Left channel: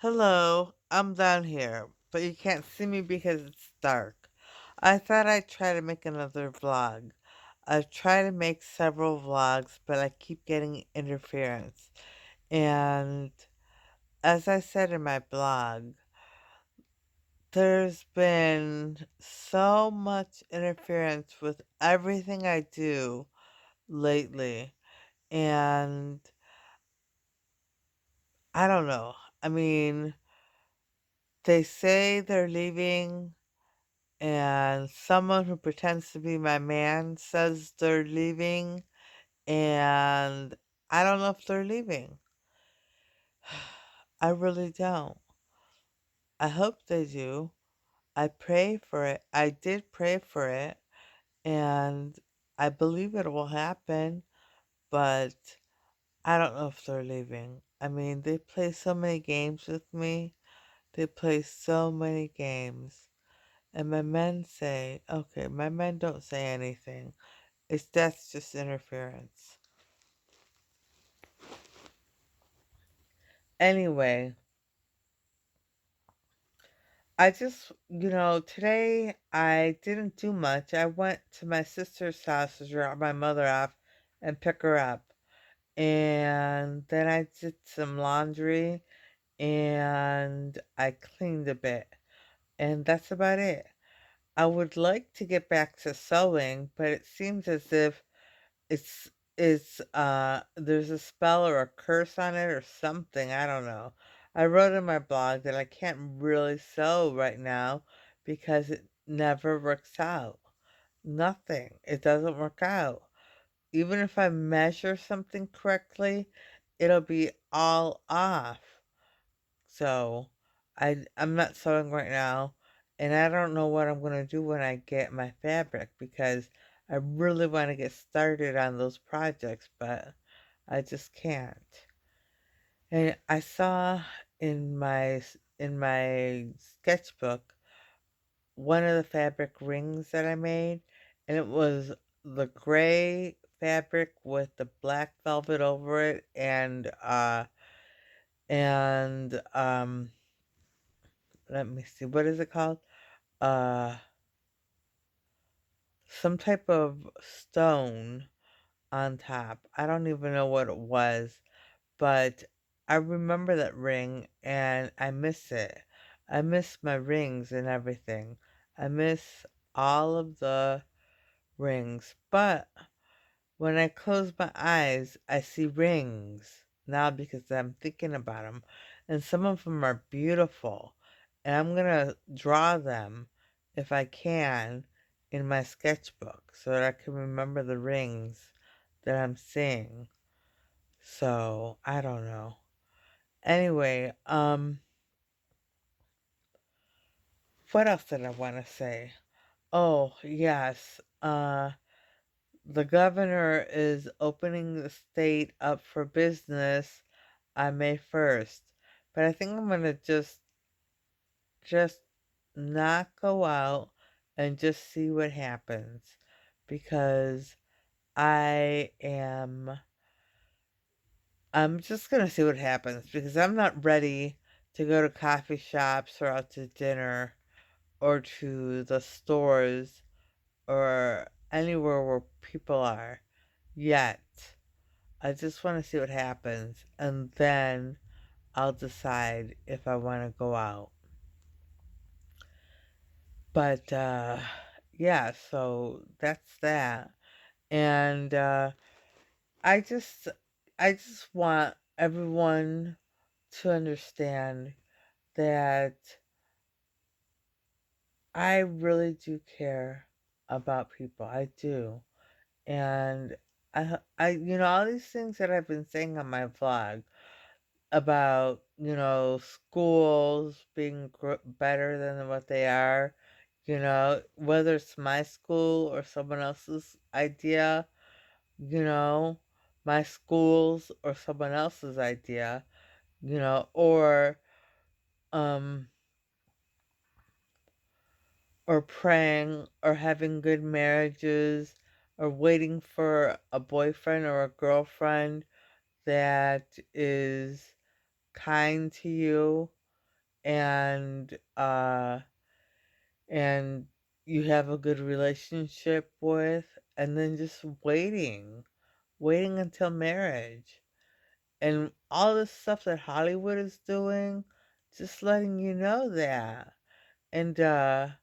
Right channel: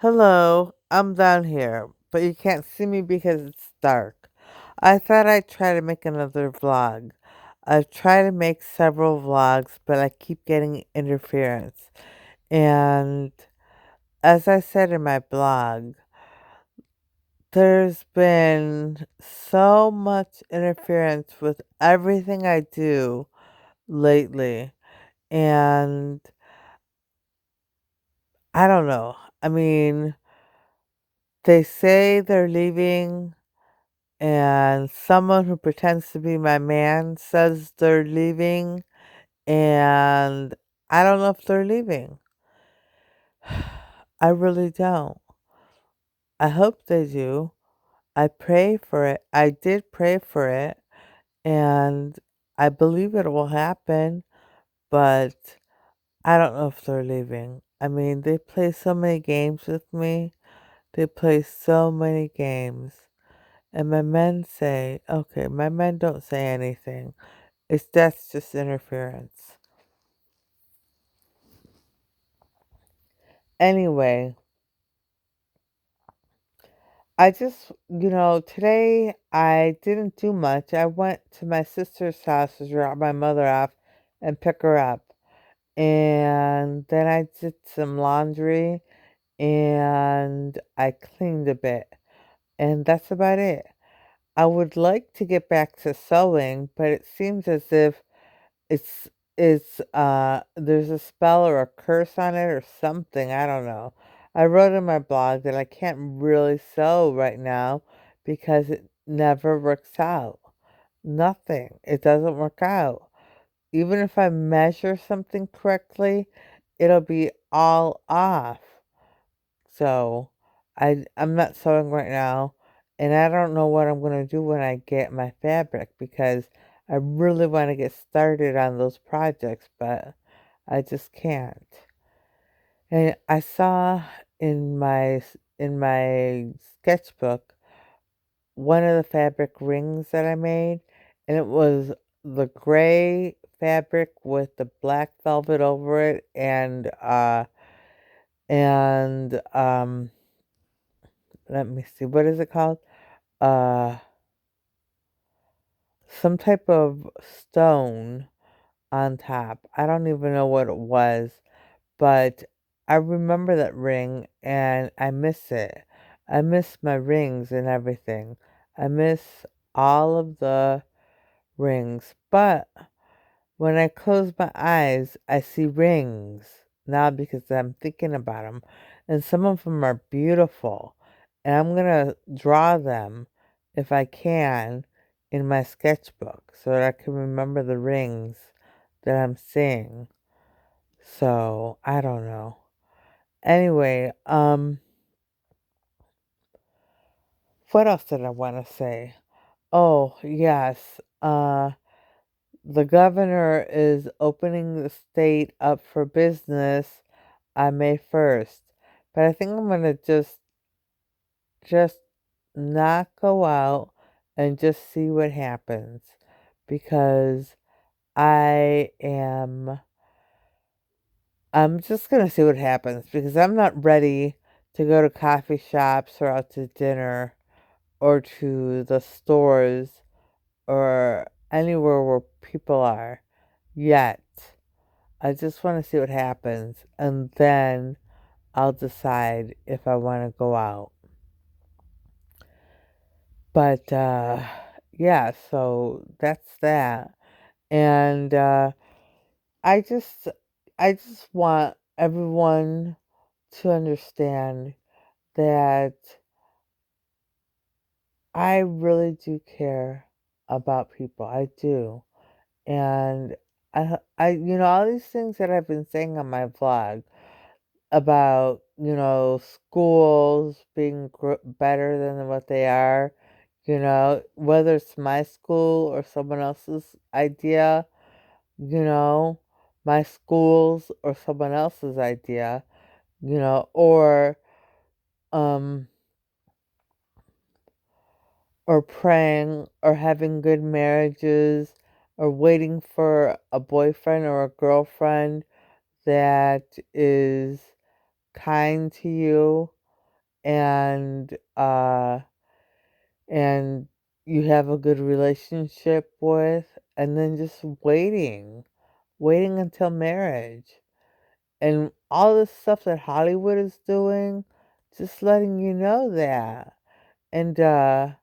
Hello, I'm down here, but you can't see me because it's dark. I thought I'd try to make another vlog. I've tried to make several vlogs, but I keep getting interference. And as I said in my blog, there's been so much interference with everything I do lately. And I don't know. I mean, they say they're leaving and someone who pretends to be my man says they're leaving, and I don't know if they're leaving. I really don't. I hope they do. I pray for it. I did pray for it, and I believe it will happen, but I don't know if they're leaving. I mean, they play so many games with me. They play so many games. And my men say, okay, my men don't say anything. That's just interference. Anyway, today I didn't do much. I went to my sister's house to drop my mother off and pick her up. And then I did some laundry and I cleaned a bit. And that's about it. I would like to get back to sewing, but it seems as if It's there's a spell or a curse on it or something, I don't know. I wrote in my blog that I can't really sew right now because it never works out. Nothing. It doesn't work out. Even if I measure something correctly, it'll be all off. So I'm not sewing right now, and I don't know what I'm gonna do when I get my fabric because I really want to get started on those projects, but I just can't. And I saw in my sketchbook one of the fabric rings that I made, and it was the gray fabric with the black velvet over it, and let me see, what is it called? Uh, some type of stone on top. I don't even know what it was, but I remember that ring and I miss it. I miss my rings and everything. I miss all of the rings, but when I close my eyes, I see rings now because I'm thinking about them. And some of them are beautiful. And I'm going to draw them if I can in my sketchbook so that I can remember the rings that I'm seeing. So, I don't know. Anyway, what else did I want to say? Oh, yes. The governor is opening the state up for business on May 1st. But I think I'm gonna just not go out and just see what happens because I am I'm just gonna see what happens because I'm not ready to go to coffee shops or out to dinner or to the stores or anywhere where people are yet. I just want to see what happens and then I'll decide if I want to go out. But yeah, so that's that. And I just I just want everyone to understand that I really do care about people. I do. And all these things that I've been saying on my vlog about, schools being better than what they are, whether it's my school or someone else's idea, you know, my school's or someone else's idea, um, or praying or having good marriages or waiting for a boyfriend or a girlfriend that is kind to you. and and you have a good relationship with, and then just waiting until marriage. And all this stuff that Hollywood is doing, just letting you know that. And and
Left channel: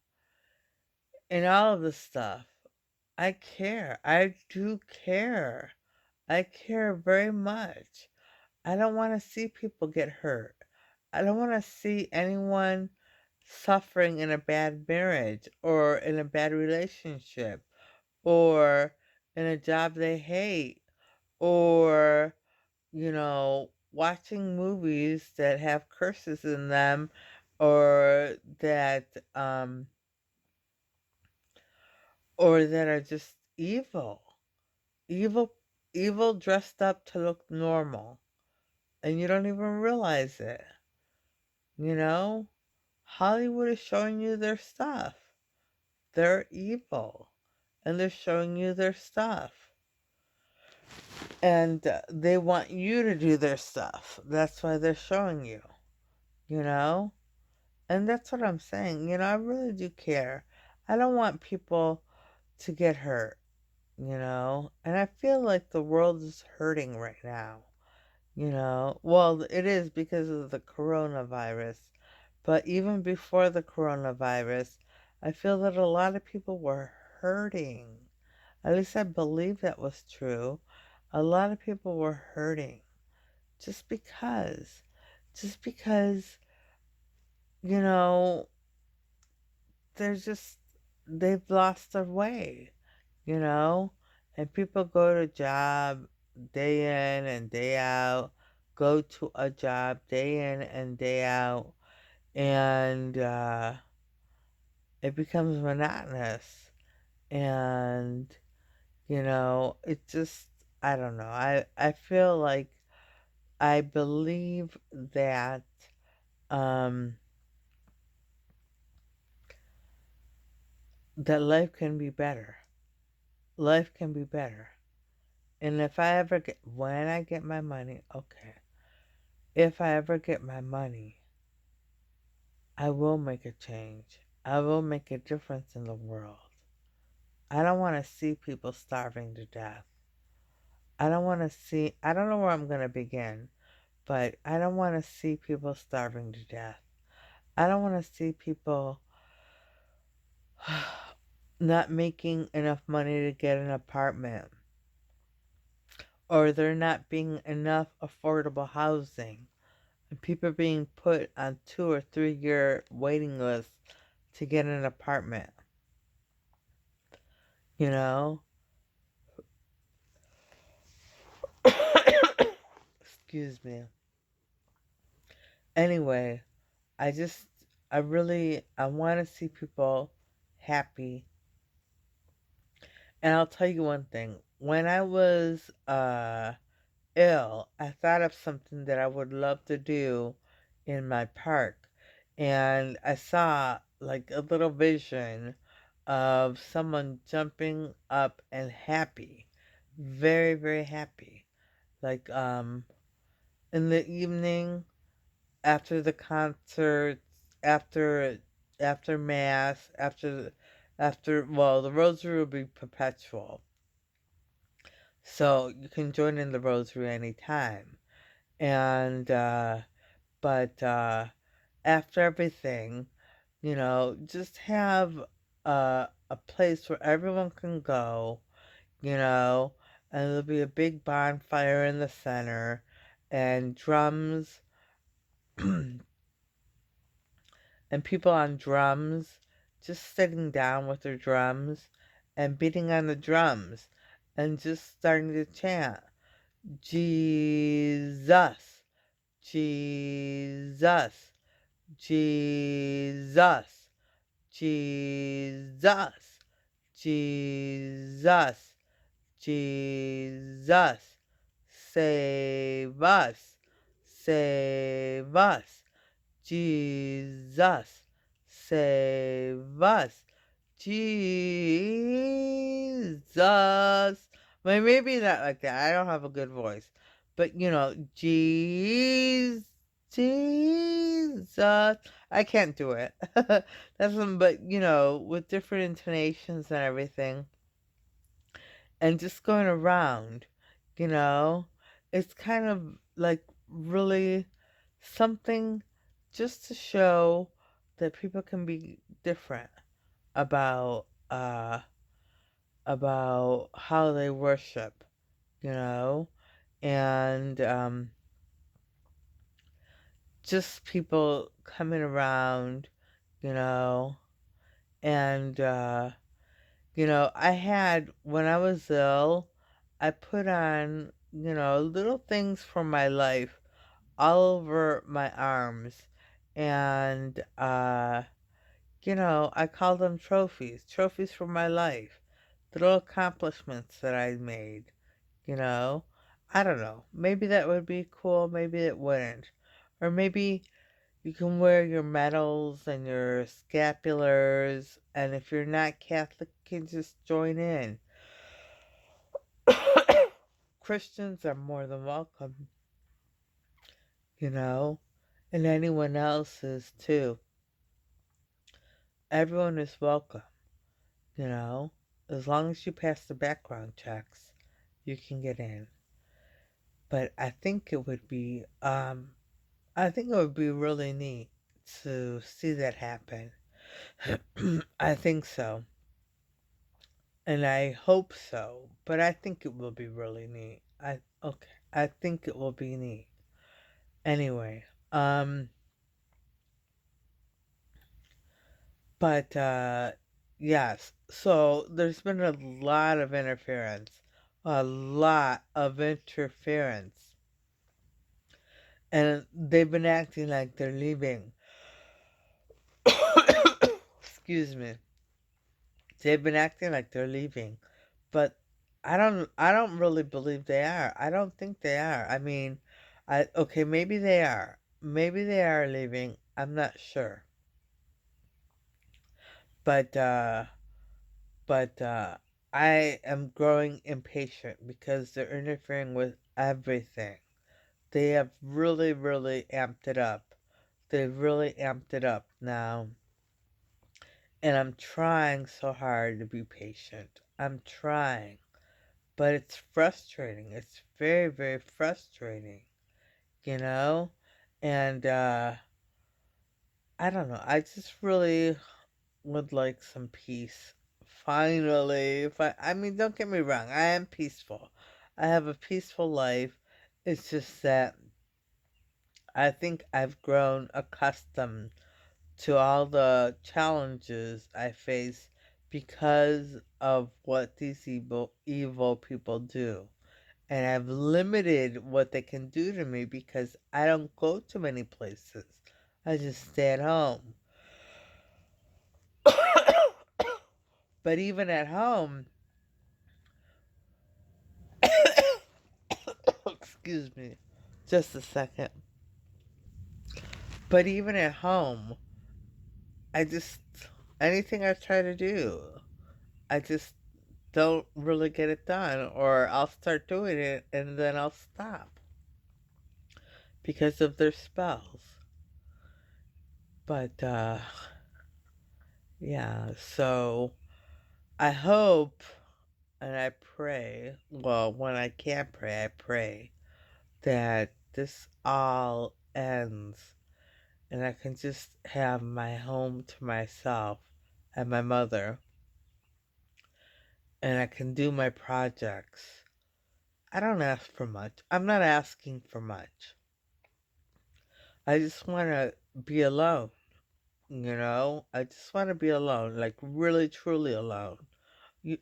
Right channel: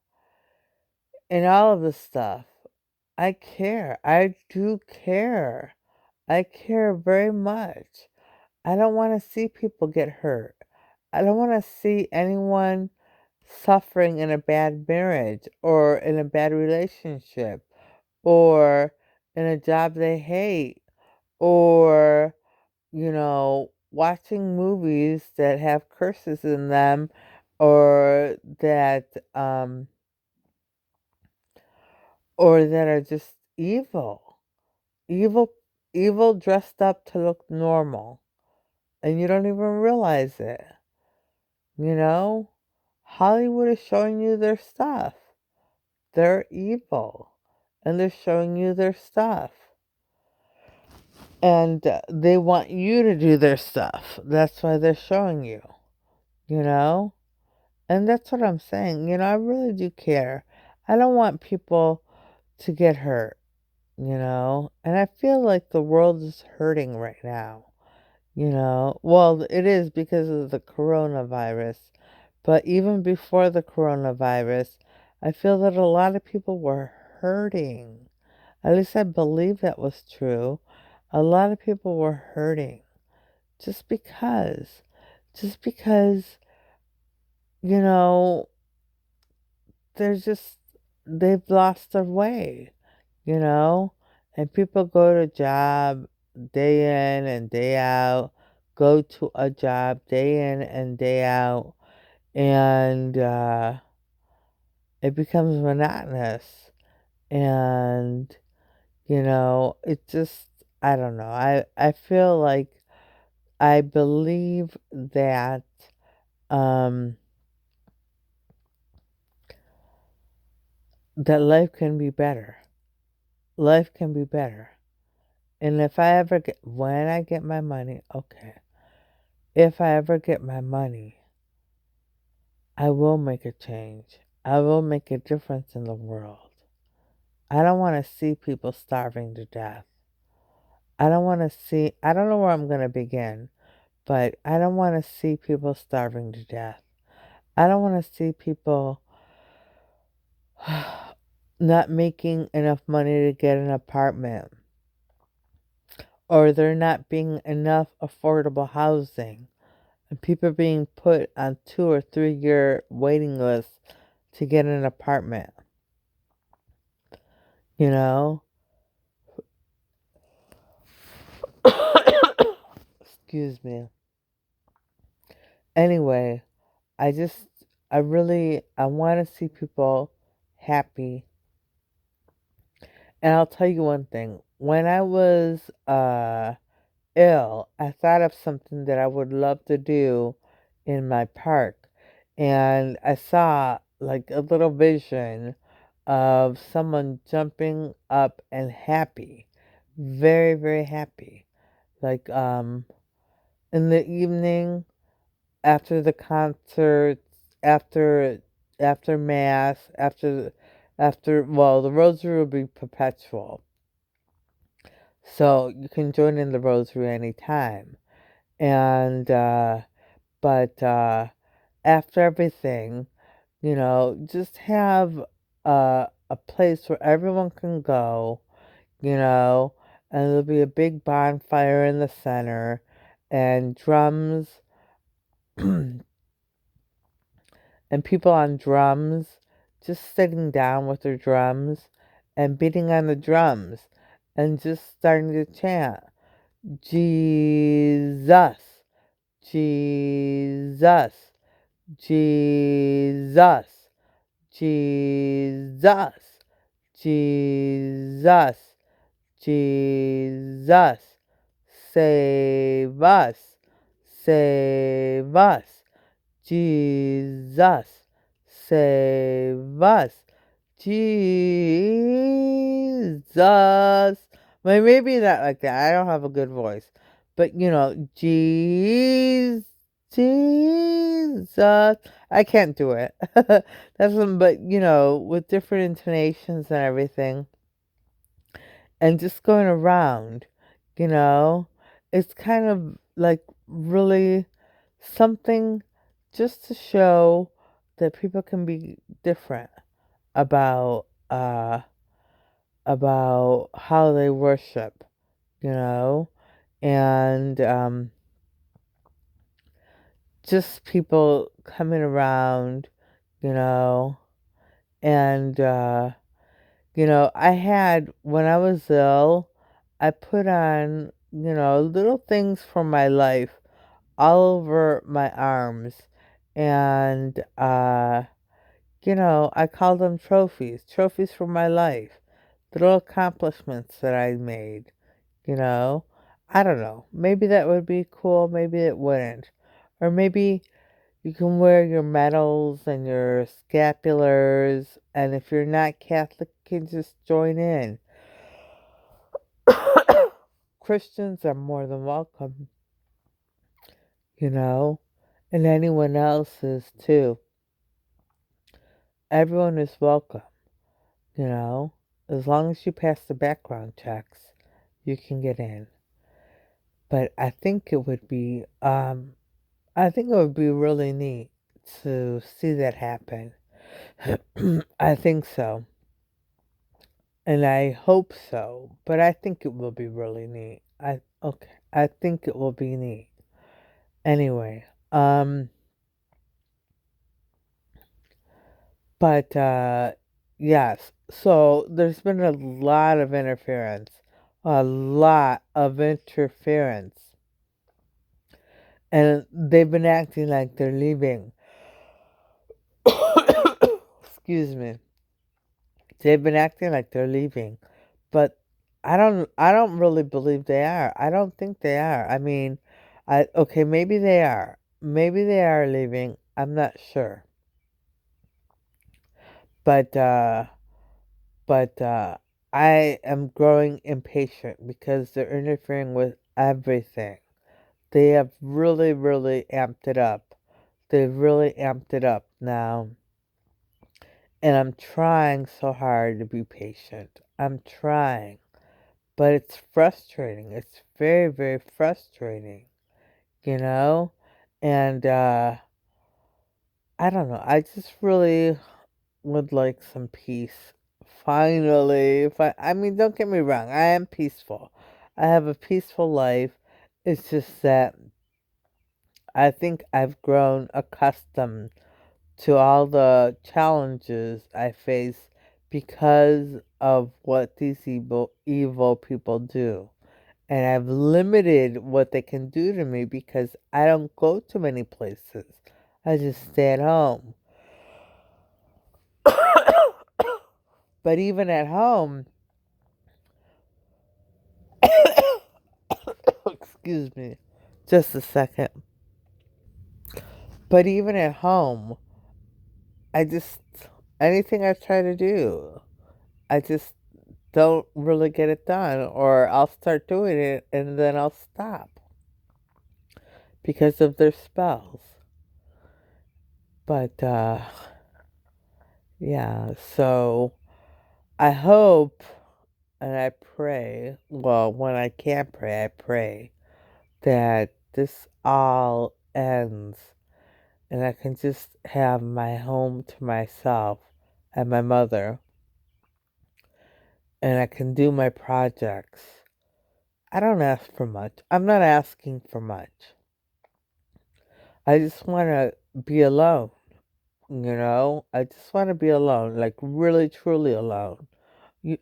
all of this stuff. I care. I do care. I care very much. I don't want to see people get hurt. I don't want to see anyone suffering in a bad marriage or in a bad relationship or in a job they hate or, watching movies that have curses in them or that are just evil. Evil evil dressed up to look normal and you don't even realize it. You know? Hollywood is showing you their stuff. They're evil and they're showing you their stuff. And they want you to do their stuff. That's why they're showing you, you know? And that's what I'm saying. I really do care. I don't want people to get hurt, And I feel like the world is hurting right now. Well, it is because of the coronavirus. But even before the coronavirus, I feel that a lot of people were hurting. At least I believe that was true. A lot of people were hurting just because. Just because, you know, they're just, they've lost their way, you know? And people go to job day in and day out, go to a job day in and day out, and it becomes monotonous. And, it just, I don't know. I feel like I believe um, that life can be better. Life can be better. And if I ever get, when I get my money, okay. If I ever get my money, I will make a change. I will make a difference in the world. I don't want to see people starving to death. I don't know where I'm going to begin, but I don't want to see people starving to death. I don't want to see people not making enough money to get an apartment, or there not being enough affordable housing, and people being put on 2 or 3 year waiting lists to get an apartment, you know? Excuse me. Anyway, I just, I want to see people happy. And I'll tell you one thing. When I was ill, I thought of something that I would love to do in my park. And I saw like a little vision of someone jumping up and happy. Very, very happy. Like in the evening after the concerts, after mass, the rosary will be perpetual. So you can join in the rosary anytime. And but after everything, just have a place where everyone can go, you know, and there'll be a big bonfire in the center and drums and people on drums just sitting down with their drums and beating on the drums and just starting to chant, Jesus, Jesus, Jesus, Jesus, Jesus, Jesus, save us, save us, Jesus, save us, Jesus. Well, maybe not like that. I don't have a good voice. But, Jesus, Jesus, I can't do it. That's but with different intonations and everything, and just going around, you know, it's kind of like really something just to show that people can be different about about how they worship, you know, and just people coming around, you know, and I had when I was ill, I put on, little things from my life all over my arms, and I call them trophies, trophies for my life, little accomplishments that I made, you know. I don't know. Maybe that would be cool, maybe it wouldn't. Or maybe you can wear your medals and your scapulars, and if you're not Catholic, you can just join in. Christians are more than welcome, you know, and anyone else is too. Everyone is welcome, you know. As long as you pass the background checks, you can get in. But I think it would be really neat to see that happen. I think so. And I hope so, but I think it will be really neat. I think it will be neat. Anyway, but yes. So there's been a lot of interference. A lot of interference. And they've been acting like they're leaving. Excuse me. They've been acting like they're leaving. But I don't really believe they are. I don't think they are. I mean, I okay, maybe they are. Maybe they are leaving. I'm not sure. But I am growing impatient because they're interfering with everything. They have really, really amped it up. They've really amped it up now. And I'm trying so hard to be patient. I'm trying. But it's frustrating. It's very, very frustrating, you know? And I don't know. I just really would like some peace. Finally. I mean, don't get me wrong. I am peaceful. I have a peaceful life. It's just that I think I've grown accustomed to all the challenges I face because of what these evil people do. And I've limited what they can do to me because I don't go to many places. I just stay at home. But even at home, excuse me, just a second. But even at home, I just, anything I try to do, I just don't really get it done. Or I'll start doing it and then I'll stop because of their spells. But, yeah, so I hope and I pray, well, when I can't pray, I pray that this all ends and I can just have my home to myself and my mother and I can do my projects. I don't ask for much. I'm not asking for much. I just want to be alone, you know? I just want to be alone, like really, truly alone. You,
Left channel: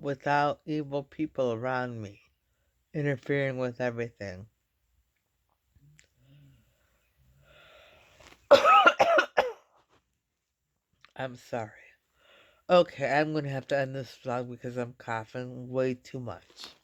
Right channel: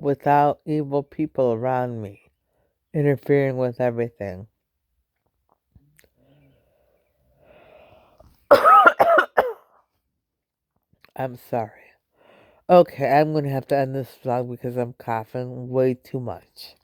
without evil people around me interfering with everything. I'm sorry. Okay, I'm gonna have to end this vlog because I'm coughing way too much.